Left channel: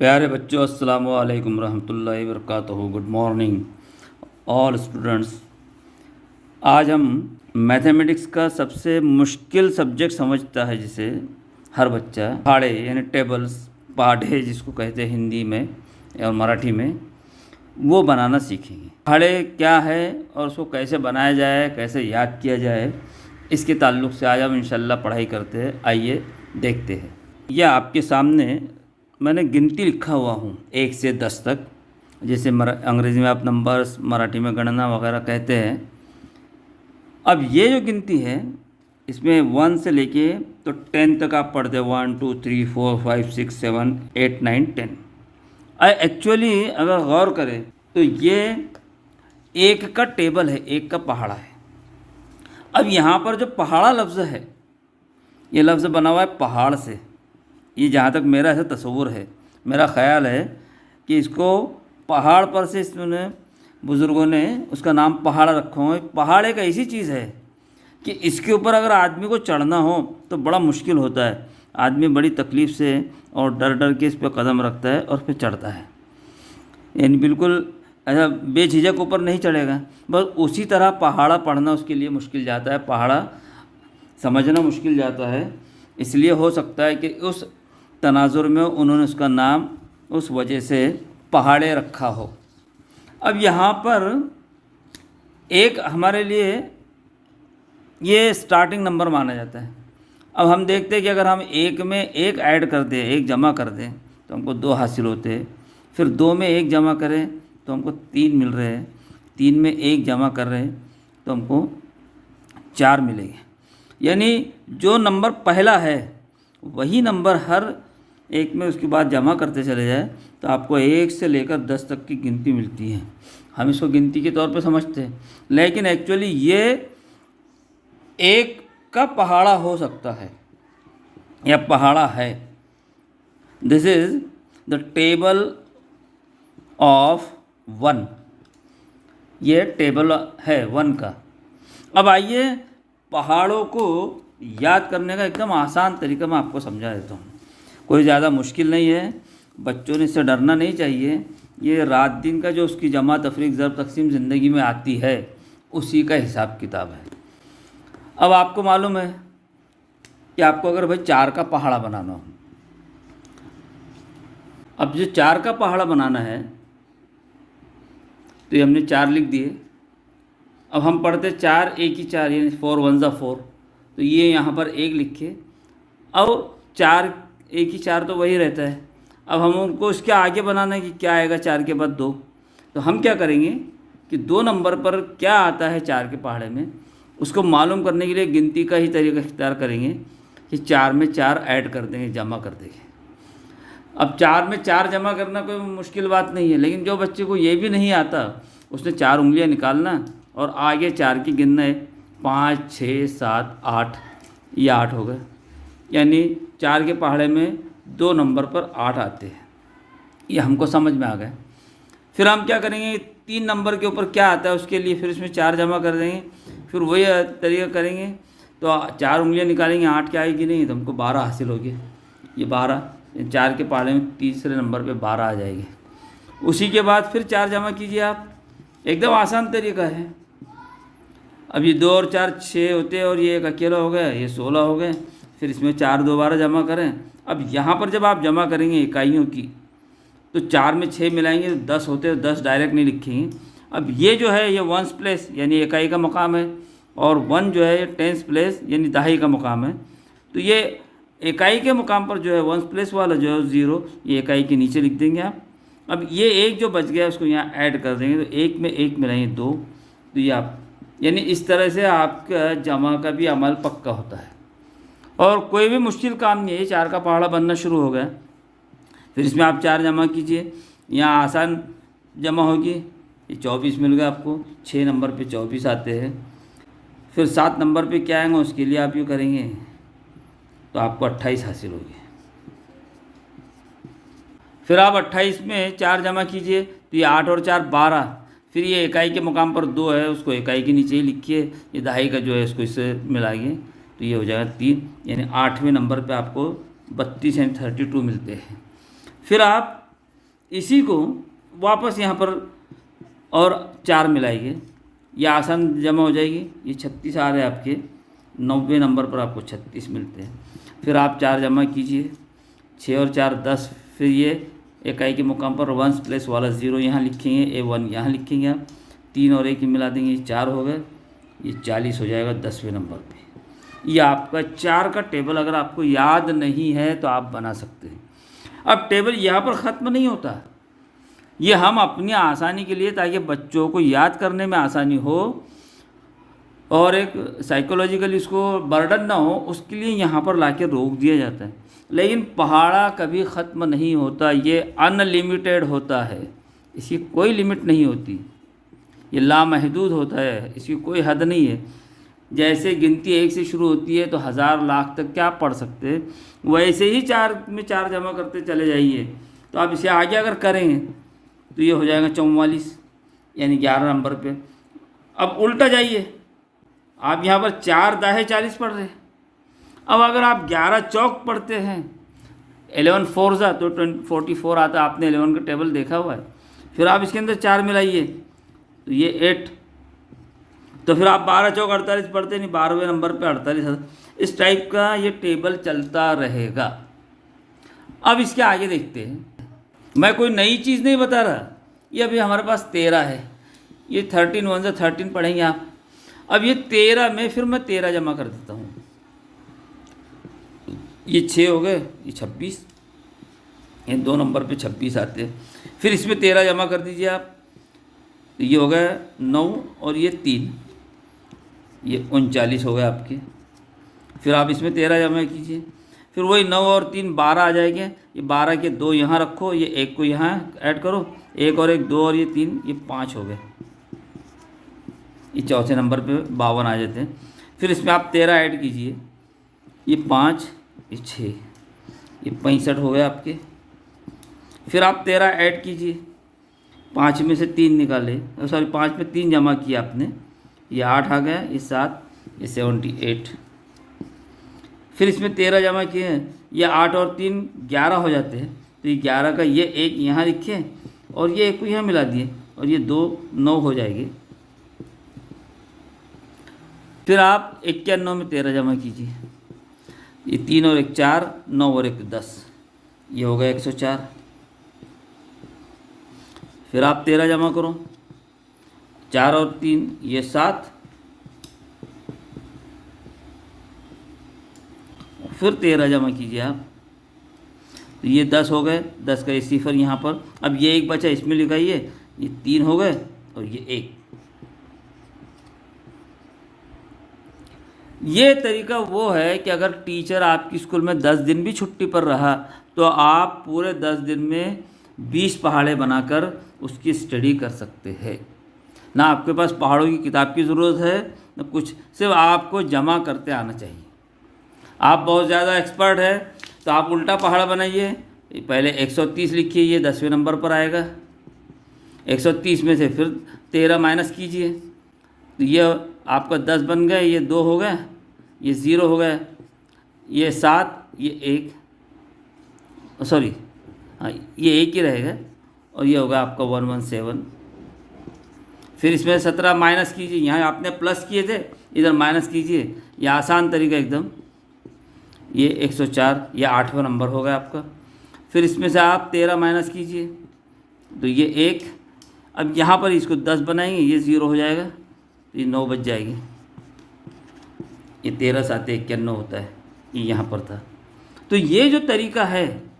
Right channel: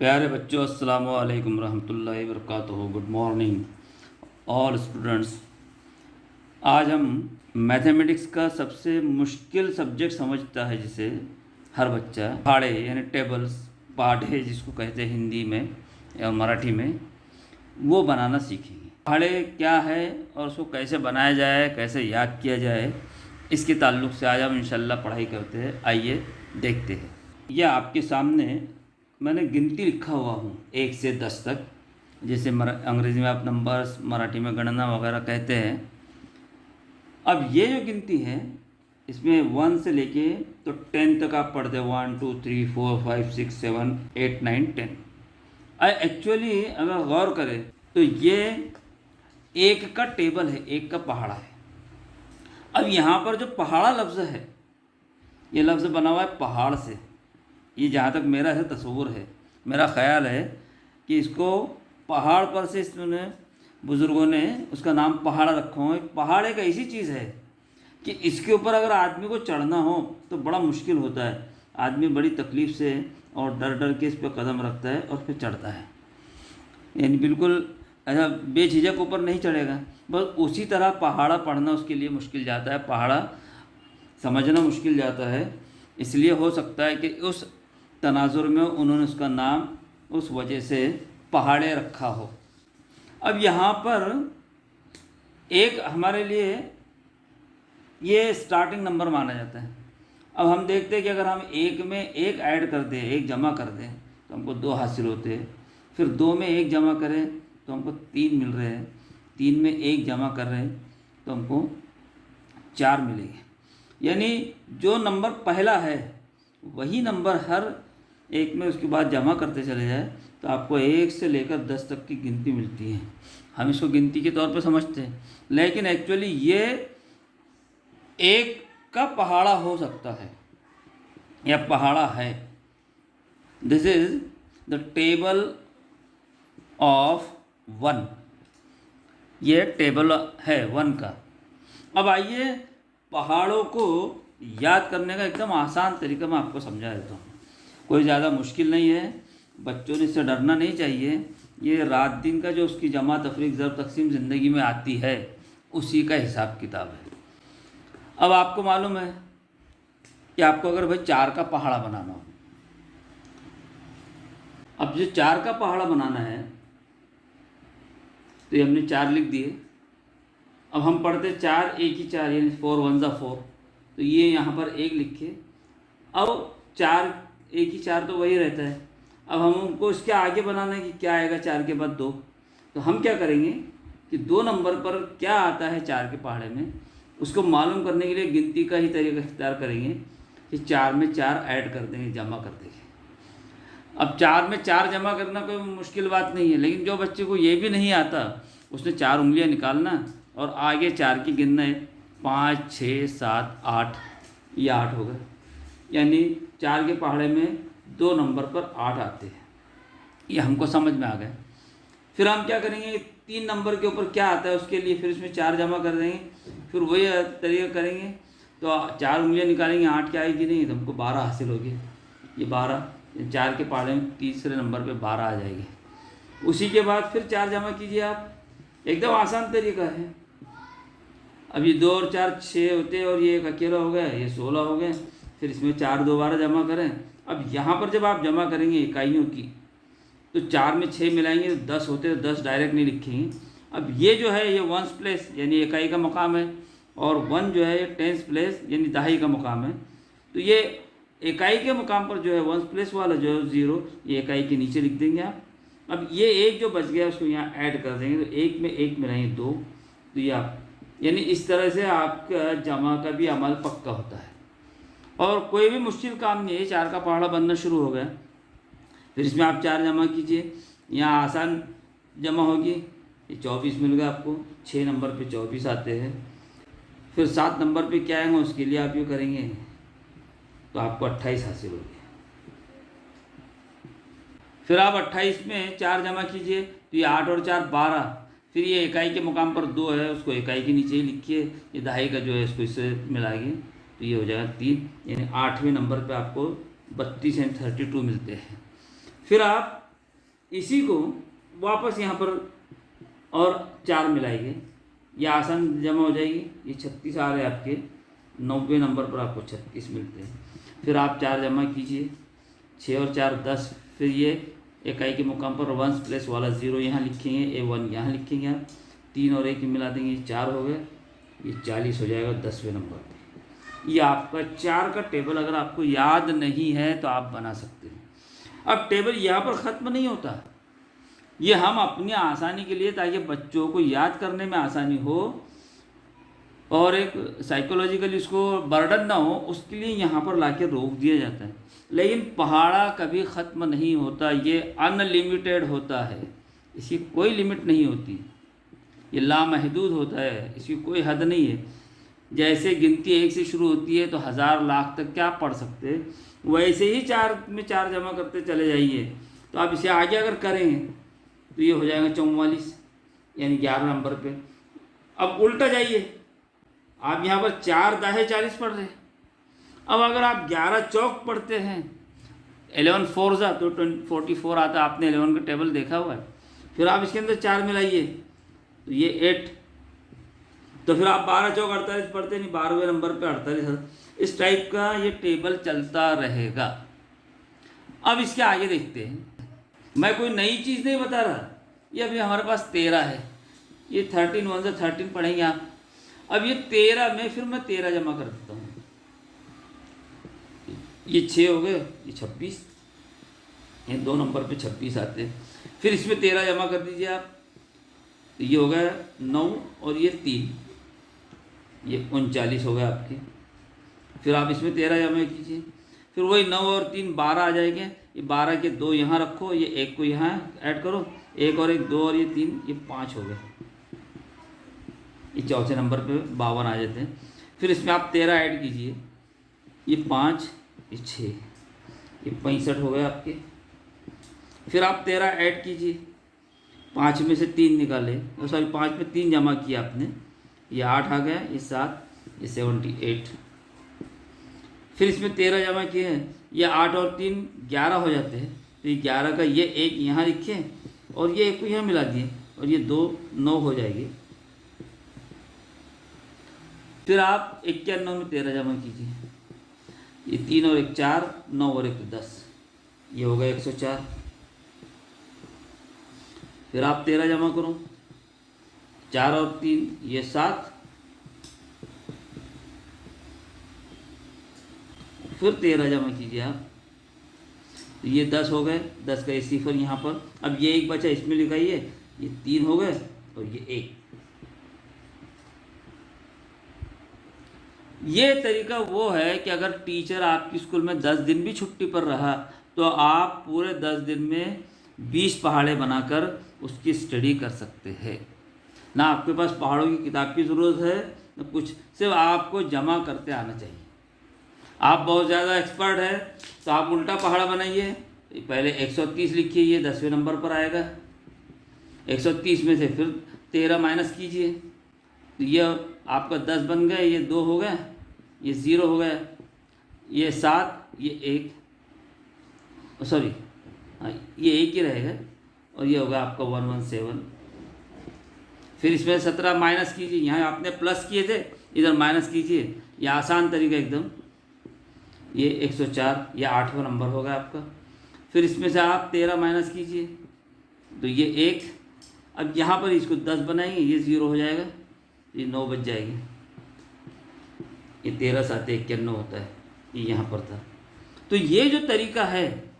प्यारे बच्चों, अस्सलामु अलैकुम रहमतुल्लाहि वबरकातुहू। Good morning all students. आज हम मैथमेटिक्स का सबसे मुश्किल सब्जेक्ट समझता है जिसे हर बच्चा, पहाड़े यानी टेबल्स, पहाड़े जिसको कहते हैं हिंदी में और मराठी में, वो बनाना सीखेंगे। पहाड़े क्या है और उसको कैसे बनाया जाए, कैसे याद किया जाए, इसके ताल्लुक़ से आज हम इंशाल्लाह पढ़ाई करते हैं। आइए देखते हैं। यह आपके सामने मैंने गिनती लिखा हुआ हूँ 1 से 10 तक, जैसे अंग्रेज़ी में आप नंबर्स, मराठी में गणना वगैरह कहते हैं। अब ये जो गिनती है इसमें 1 से लेके तो 10 तक आप पढ़ते हैं। 1 2 3 4 5 6 7 8 9 10। एक्चुअली अगर गौर करें तो ये एक का टेबल है, एक का पहाड़ा है। अब यहाँ पर जो पहाड़ा लफ्ज़ है, ये लफ्ज़ बना हुआ है पहाड़ से। ये जहाँ तक मेरा ऐसा तस्वुर है, मेरा ख़्याल है कि इसको पहाड़ पर से इसने बुज़ुर्गों ने उसका नाम पहाड़ रखा हो। पहाड़ एक ऐसी चीज़ है कि इसके ऊपर अगर आदमी को चढ़ना हो तो बड़ा मुश्किल होता है। आदमी बड़ी तकलीफ़ से और डर डर के इस पर कदम रखता है और फिर चढ़ता है, यानी बिल्कुल ऐसा बेझिझक ऊपर नहीं चढ़ेगा। बस उसी तरह पहाड़ा पढ़ना उसके लिए मुश्किल जाता है, पहाड़ा समझना मुश्किल जाता है। इसलिए हो सकता है कि उस तनाजुर में उन्होंने उसका नाम उस वजह से पहाड़े रखा हो। अब यहाँ पर एक हमारे लिए ये स्टार्टिंग नंबर माना जाता है। अब हम देखते हैं कि अगर हम एक में एक ऐड कर दें, एक जमा कर दें, तो हमको 2 हासिल होते हैं। फिर 2 में एक जमा करें तो हमको 3 मिल रहे हैं। 3 में एक जमा कर रहे हैं तो हमको 4 मिलेंगे। यानी जो नंबर पहला है वही नंबर हर एक में उसके बाद जमा करते चले जाए तो आपको 1 से लेकर 10 तक की गिनती मिलती है। हम इसको गिनती के तौर पर समझते हैं, लेकिन एक्चुअली ये एक का पहाड़ा हो सकता है या पहाड़ा है। This is the table of 1। ये टेबल है 1 का। अब आइए पहाड़ों को याद करने का एकदम आसान तरीका मैं आपको समझा देता हूँ। कोई ज़्यादा मुश्किल नहीं है, बच्चों ने इससे डरना नहीं चाहिए। ये रात दिन का जो उसकी जमा तफरीक ज़र तकसीम ज़िंदगी में आती है, उसी का हिसाब किताब है। अब आपको मालूम है कि आपको अगर भाई 4 का पहाड़ा बनाना हो, अब जो 4 का पहाड़ा बनाना है तो ये हमने 4 लिख दिए। अब हम पढ़ते 4 एक ही 4 यानी 4 1 ज़ा 4, तो ये यहाँ पर 1 लिखे। अब 4 एक ही 4 तो वही रहता है। अब हम उनको इसके आगे बनाना है कि क्या आएगा 4 के बाद 2। तो हम क्या करेंगे कि 2 नंबर पर क्या आता है 4 के पहाड़े में, उसको मालूम करने के लिए गिनती का ही तरीका इख्तियार करेंगे कि 4 में 4 ऐड कर देंगे, जमा कर देंगे। अब 4 में 4 जमा करना कोई मुश्किल बात नहीं है, लेकिन जो बच्चे को ये भी नहीं आता उसने 4 उंगलियां निकालना और आगे 4 की गिनना है। 5 6 7 8, ये 8 हो गए। यानी 4 के पहाड़े में 2 नंबर पर 8 आते हैं। ये हमको समझ में आ गया। फिर हम क्या करेंगे, 3 नंबर के ऊपर क्या आता है उसके लिए फिर इसमें 4 जमा कर देंगे। फिर वही तरीका करेंगे तो 4 उंगलियां निकालेंगे, 8 क्या आएगी नहीं, तो हमको 12 हासिल होगी। ये 12 4 के पहाड़े में तीसरे नंबर पे 12 आ जाएगी। उसी के बाद फिर 4 जमा कीजिए आप, एकदम आसान तरीका है। अब ये 2 और 4 6 होते हैं और ये एक अकेला हो गया, ये 16 हो गए। फिर इसमें 4 दोबारा जमा करें। अब यहाँ पर जब आप जमा करेंगे इकाइयों की तो 4 में 6 मिलाएंगे तो 10 होते हैं, 10 डायरेक्ट नहीं लिखेंगे। अब ये जो है ये वंस प्लेस यानी इकाई का मकाम है, और 1 जो है ये टेंस प्लेस यानी दहाई का मकाम है। तो ये इकाई के मकाम पर जो है वंस प्लेस वाला जो है 0, ये इकाई के नीचे लिख देंगे आप। अब ये 1 जो बच गया उसको यहाँ ऐड कर देंगे, तो 1 में 1 मिलाएंगे 2, तो ये आप यानी इस तरह से आपका जमा का भी अमल पक्का होता है और कोई भी मुश्किल काम नहीं है। 4 का पहाड़ा बनना शुरू हो गया। फिर इसमें आप 4 जमा कीजिए, यहाँ आसान जमा होगी। ये 24 मिल गया आपको। 6 नंबर पे 24 आते हैं। फिर 7 नंबर पे क्या आएंगे उसके लिए आप यूँ करेंगे तो आपको 28 हासिल होगी। फिर आप 28 में 4 जमा कीजिए तो ये 8 और 4 12। फिर ये इकाई के मुकाम पर 2 है, उसको इकाई के नीचे ही लिखिए। ये दहाई का जो है इसको इससे मिलाएंगे तो ये हो जाएगा 3, यानी 8वें नंबर पे आपको 32 यानी 32 मिलते हैं। फिर आप इसी को वापस यहाँ पर और 4 मिलाइए, ये आसान जमा हो जाएगी। ये 36 आ रहे हैं आपके, 90 नंबर पर आपको 36 मिलते हैं। फिर आप 4 जमा कीजिए, 6 और 4 10। फिर ये इकाई के मुकाम पर वंस प्लेस वाला 0 यहाँ लिखेंगे, A1 यहाँ लिखेंगे आप, 3 और 1 मिला देंगे, ये 4 हो गए, ये 40 हो जाएगा 10वें नंबर पे। ये आपका 4 का टेबल अगर आपको याद नहीं है तो आप बना सकते हैं। अब टेबल यहाँ पर ख़त्म नहीं होता, ये हम अपनी आसानी के लिए, ताकि बच्चों को याद करने में आसानी हो और एक साइकोलॉजिकली उसको बर्डन ना हो, उसके लिए यहाँ पर लाके रोक दिया जाता है। लेकिन पहाड़ा कभी ख़त्म नहीं होता, ये अनलिमिटेड होता है, इसकी कोई लिमिट नहीं होती, ये लामहदूद होता है, इसकी कोई हद नहीं है। जैसे गिनती 1 से शुरू होती है तो 1000 लाख तक क्या पढ़ सकते हैं, वैसे ही 4 में 4 जमा करते चले जाइए। तो आप इसे आगे अगर करेंगे तो ये हो जाएगा 44, यानी 11 नंबर पे। अब उल्टा जाइए, आप यहाँ पर 4 दाहे 40 पढ़ रहे हैं। अब अगर आप 11 चौक पढ़ते हैं, 11 4 जा तो 44 आता है, आपने 11 का टेबल देखा हुआ है। फिर आप इसके अंदर 4 मिलाइए तो ये 8, तो फिर आप 12 चौक 48 पढ़ते नहीं, 12वें नंबर पे 48। इस टाइप का ये टेबल चलता रहेगा। अब इसके आगे देखते हैं, मैं कोई नई चीज़ नहीं बता रहा, ये अभी हमारे पास 13 है, ये 13 1 से 13 पढ़ेंगे आप। अब ये 13 में फिर मैं 13 जमा कर देता हूँ, ये 6 हो गए, ये 26, ये 2 नंबर पे 26 आते हैं। फिर इसमें 13 जमा कर दीजिए आप, तो ये हो गया 9 और ये 3, ये 39 हो गए आपके। फिर आप इसमें 13 जमा कीजिए, फिर वही 9 और 3 12 आ जाएंगे। ये 12 के 2 यहाँ रखो, ये 1 को यहाँ ऐड करो, 1 और 1 2 और ये 3, ये 5 हो गए। ये चौथे नंबर पे 52 आ जाते हैं। फिर इसमें आप 13 ऐड कीजिए, ये 5, ये 6, ये 65 हो गए आपके। फिर आप 13 ऐड कीजिए, 5 में से 3 निकाले, सॉरी 5 में 3 जमा किया आपने, ये 8 आ गया, ये 7, ये 78। फिर इसमें 13 जमा किए हैं, ये 8 और 3 11 हो जाते हैं, तो ये 11 का ये 1 यहाँ लिखे और ये 1 को यहाँ मिला दिए, और ये 2 9 हो जाएगी। फिर आप 91 में 13 जमा कीजिए, ये 3 और 1 4, 9 और 1 10, ये हो गया 104। फिर आप 13 जमा करो, 4 और 3 ये 7, फिर 13 जमा कीजिए आप, तो ये 10 हो गए, 10 का ये सिफर यहाँ पर। अब ये 1 बचा, इसमें लिखाइए, ये 3 हो गए और ये 1। ये तरीका वो है कि अगर टीचर आपकी स्कूल में 10 दिन भी छुट्टी पर रहा तो आप पूरे 10 दिन में 20 पहाड़े बनाकर उसकी स्टडी कर सकते हैं। ना आपके पास पहाड़ों की किताब की ज़रूरत है ना कुछ, सिर्फ आपको जमा करते आना चाहिए। आप बहुत ज़्यादा एक्सपर्ट है तो आप उल्टा पहाड़ बनाइए, पहले 130 लिखिए, ये 10वें नंबर पर आएगा। 130 में से फिर 13 माइनस कीजिए, तो ये आपका 10 बन गए, ये 2 हो गए, ये 0 हो गया, ये 7, ये 1, सॉरी हाँ ये 1 ही रहेगा, और ये होगा आपका 117। फिर इसमें 17 माइनस कीजिए, यहाँ आपने प्लस किए थे, इधर माइनस कीजिए, ये आसान तरीका एकदम। ये 104, ये 8वां नंबर हो गया आपका। फिर इसमें से आप 13 माइनस कीजिए, तो ये 1। अब यहाँ पर इसको 10 बनाएंगे, ये 0 हो जाएगा, ये 9 बच जाएगी। ये 13 7 91 होता है, ये यहाँ पर था। तो ये जो तरीका है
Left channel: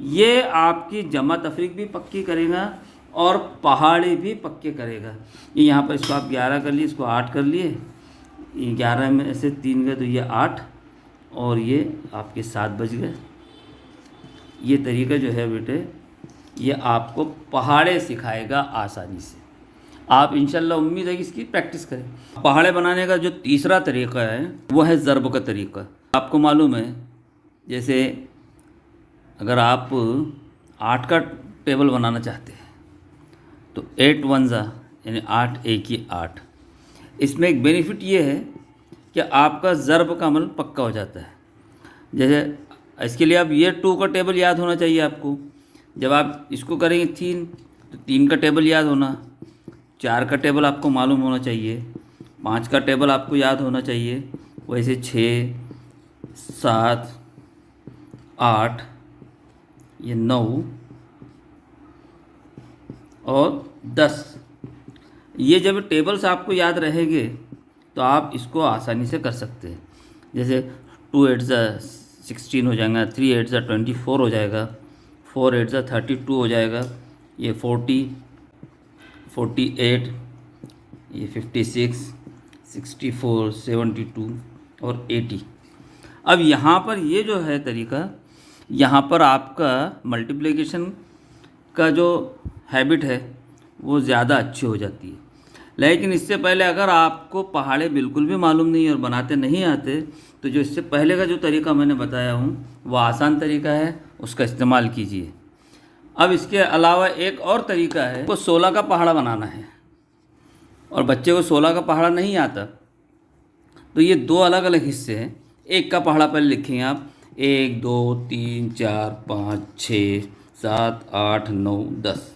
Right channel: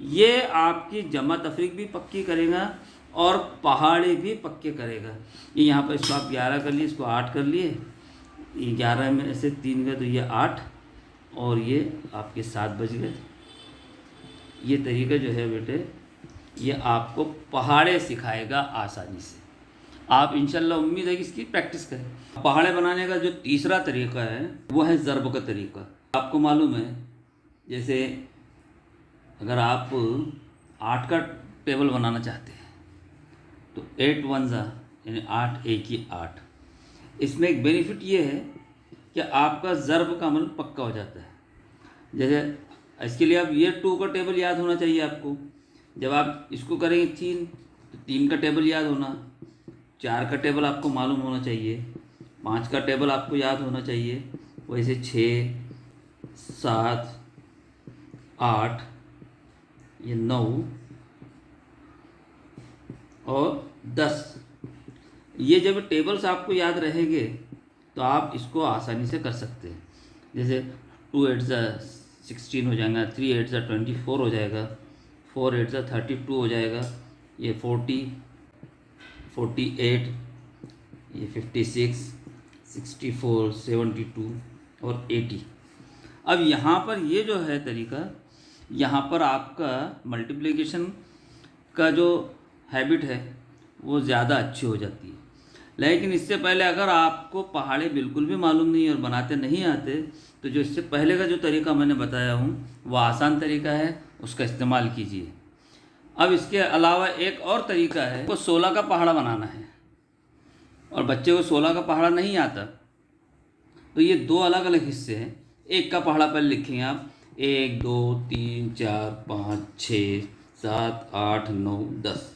ये आपकी जमा तफरीक भी पक्की करेगा और पहाड़ी भी पक्के करेगा। ये यहाँ पर इसको आप 11 कर लिए, इसको 8 कर लिए, ये 11 में से 3 गए तो ये 8 और ये आपके 7 बज गए। ये तरीका जो है बेटे ये आपको पहाड़े सिखाएगा आसानी से। आप इंशाल्लाह उम्मीद है कि इसकी प्रैक्टिस करें। पहाड़े बनाने का जो तीसरा तरीका है वो है ज़रब का तरीका। आपको मालूम है जैसे अगर आप 8 का टेबल बनाना चाहते हैं तो 8 1 यानी 8 1 ही 8। इसमें एक बेनिफिट ये है कि आपका ज़रब का अमल पक्का हो जाता है। जैसे इसके लिए अब ये 2 का टेबल याद होना चाहिए आपको। जब आप इसको करेंगे 3 तो 3 का टेबल याद होना, 4 का टेबल आपको मालूम होना चाहिए, 5 का टेबल आपको याद होना चाहिए, वैसे 6, 7, 8, ये 9 और 10। ये जब टेबल्स आपको याद रहेंगे तो आप इसको आसानी से कर सकते हैं। जैसे 2 8 16 हो जाएगा, 3 8 24 हो जाएगा, 4 8 32 हो जाएगा, ये 40, 48, ये 56, 64, 72 और 80। अब यहाँ पर ये जो है तरीका, यहाँ पर आपका मल्टीप्लिकेशन का जो हैबिट है वो ज़्यादा अच्छी हो जाती है। लेकिन इससे पहले अगर आपको पहाड़े बिल्कुल भी मालूम नहीं और बनाते नहीं आते तो जो इससे पहले का जो तरीका मैंने बताया हूँ वो आसान तरीका है, उसका इस्तेमाल कीजिए। अब इसके अलावा एक और तरीका है, वो 16 का पहाड़ा बनाना है और बच्चे को 16 का पहाड़ा नहीं आता तो ये 2 अलग अलग हिस्से हैं। एक का पहाड़ा पहले लिखेंगे आप, 1 2 3 4 5 6 7 8 9 10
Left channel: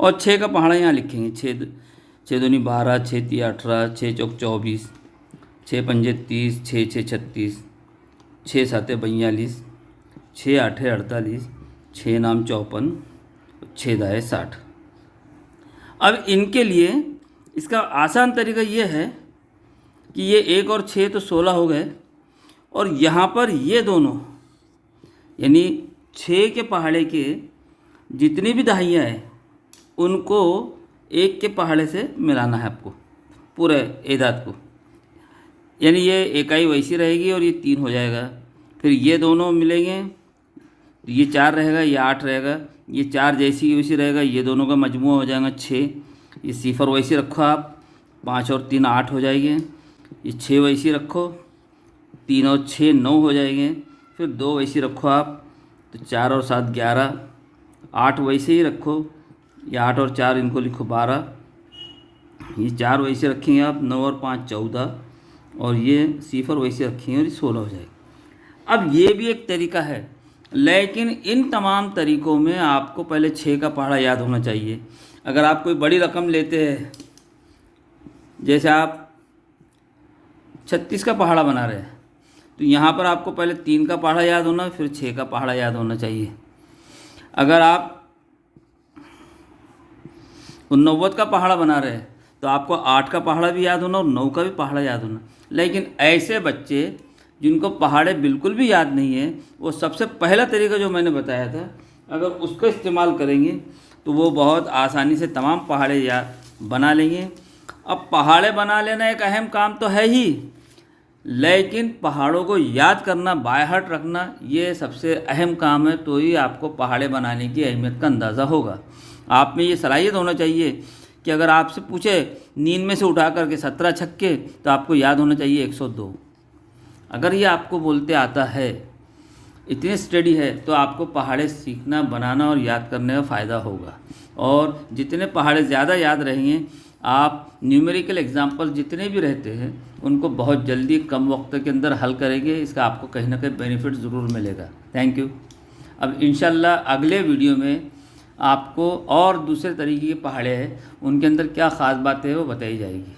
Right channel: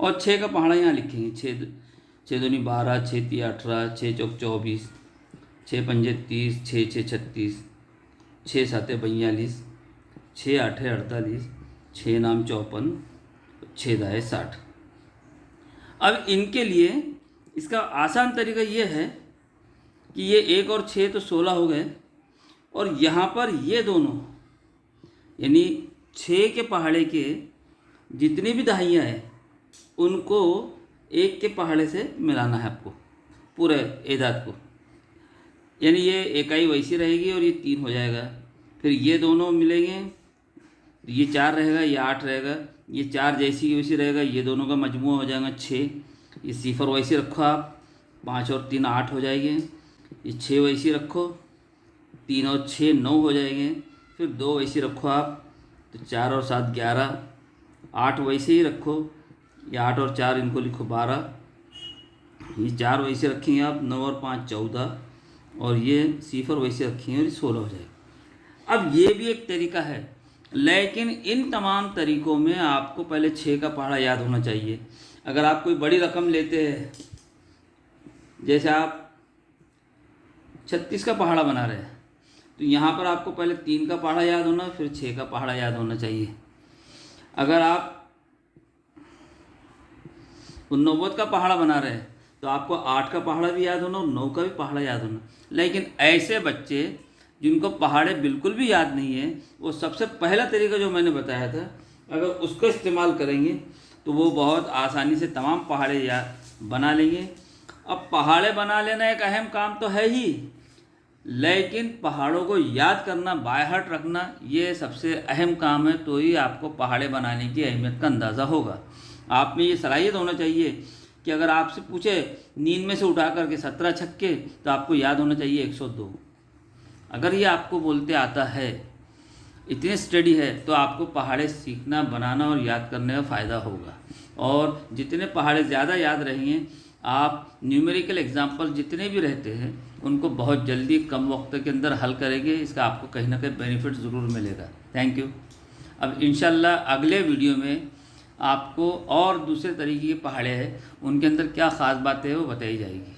और 6 का पहाड़ा यहाँ लिखेंगे, 6 दूनी 12, 6 तीन 18, 6 चौक 24, 6 पंजे 30, 6 6 36, 6 7 42, 6 8 48, 6 नाम 54, 6 दाए 60। अब इनके लिए इसका आसान तरीका ये है कि ये 1 और 6 तो 16 हो गए और यहाँ पर ये दोनों यानी 6 के पहाड़े के जितनी भी दहाइयाँ हैं उनको 1 के पहाड़े से मिलाना है आपको, पूरे एदाद को। यानी ये इकाई वैसी रहेगी और ये 3 हो जाएगा, फिर ये दोनों मिलेंगे तो ये 4 रहेगा, ये 8 रहेगा, ये 4 जैसी की वैसी रहेगा, ये दोनों का मजमूआ हो जाएगा 6। ये सिफर वैसे रखो आप, 5 और 3 8 हो जाएंगे, ये 6 वैसी रखो, 3 और 6 9 हो जाएंगे, फिर 2 वैसी रखो आप तो 4 और 7 11, 8 वैसे ही रखो, ये 8 और 4 इनको लिखो 12, ये 4 वैसे रखेंगे आप, 9 और 5 14 और ये सिफर वैसे रखेंगे और ये 16 हो जाएगा। अब ये भी एक तरीका है, लेकिन इन तमाम तरीक़ों में आपको पहले 6 का पहाड़ा याद होना चाहिए। अगर आप कोई बड़ी रकम लेते हैं, जैसे आप 36 का पहाड़ा बना रहे हैं तो यहाँ पर आपको पहले 3 का पहाड़ा याद होना, फिर 6 का पहाड़ा याद होना चाहिए। अगर आप 89 का पहाड़ा बना रहे हैं तो आपको 8 का पहाड़ा भी याद होना और 9 का भी पहाड़ा याद होना। लेकिन ऐसे बच्चे जिनको पहाड़े बिल्कुल भी याद नहीं है, वो सबसे पहला तरीका जो मैंने बताया था अगर उसका इस्तेमाल करेंगे तो वो बहुत आसानी से तमाम पहाड़े याद बना लेंगे। अब पहाड़े बना लेना एक अहम काम तो है ही, लेकिन पहाड़ों को याद करना, बाय हार्ट रखना, ये सबसे अहम काम है। तो ही आपको पहाड़े बनाने की अहमियत का अंदाज़ा होगा। आप में ये सलाहियत होना चाहिए कि अगर आपसे पूछे नींद में से उठा करके 17 छक्के तो आपको याद होना चाहिए 102। अगर ये आपको बोलते आता है, इतने स्टडी है, तो आपको पहाड़े सीखना, बनाना और याद करने का फ़ायदा होगा। और जितने पहाड़े ज़्यादा याद रहेंगे, आप न्यूमेरिकल एग्जाम्पल जितने भी रहते हैं उनको बहुत जल्दी कम वक्त के अंदर हल करेंगे। इसका आपको कहीं ना कहीं बेनिफिट ज़रूर मिलेगा। Thank you. अब इंशाल्लाह अगले वीडियो में आपको और दूसरे तरीके के पहाड़े हैं, उनके अंदर क्या ख़ास बातें हैं वो बताई जाएगी।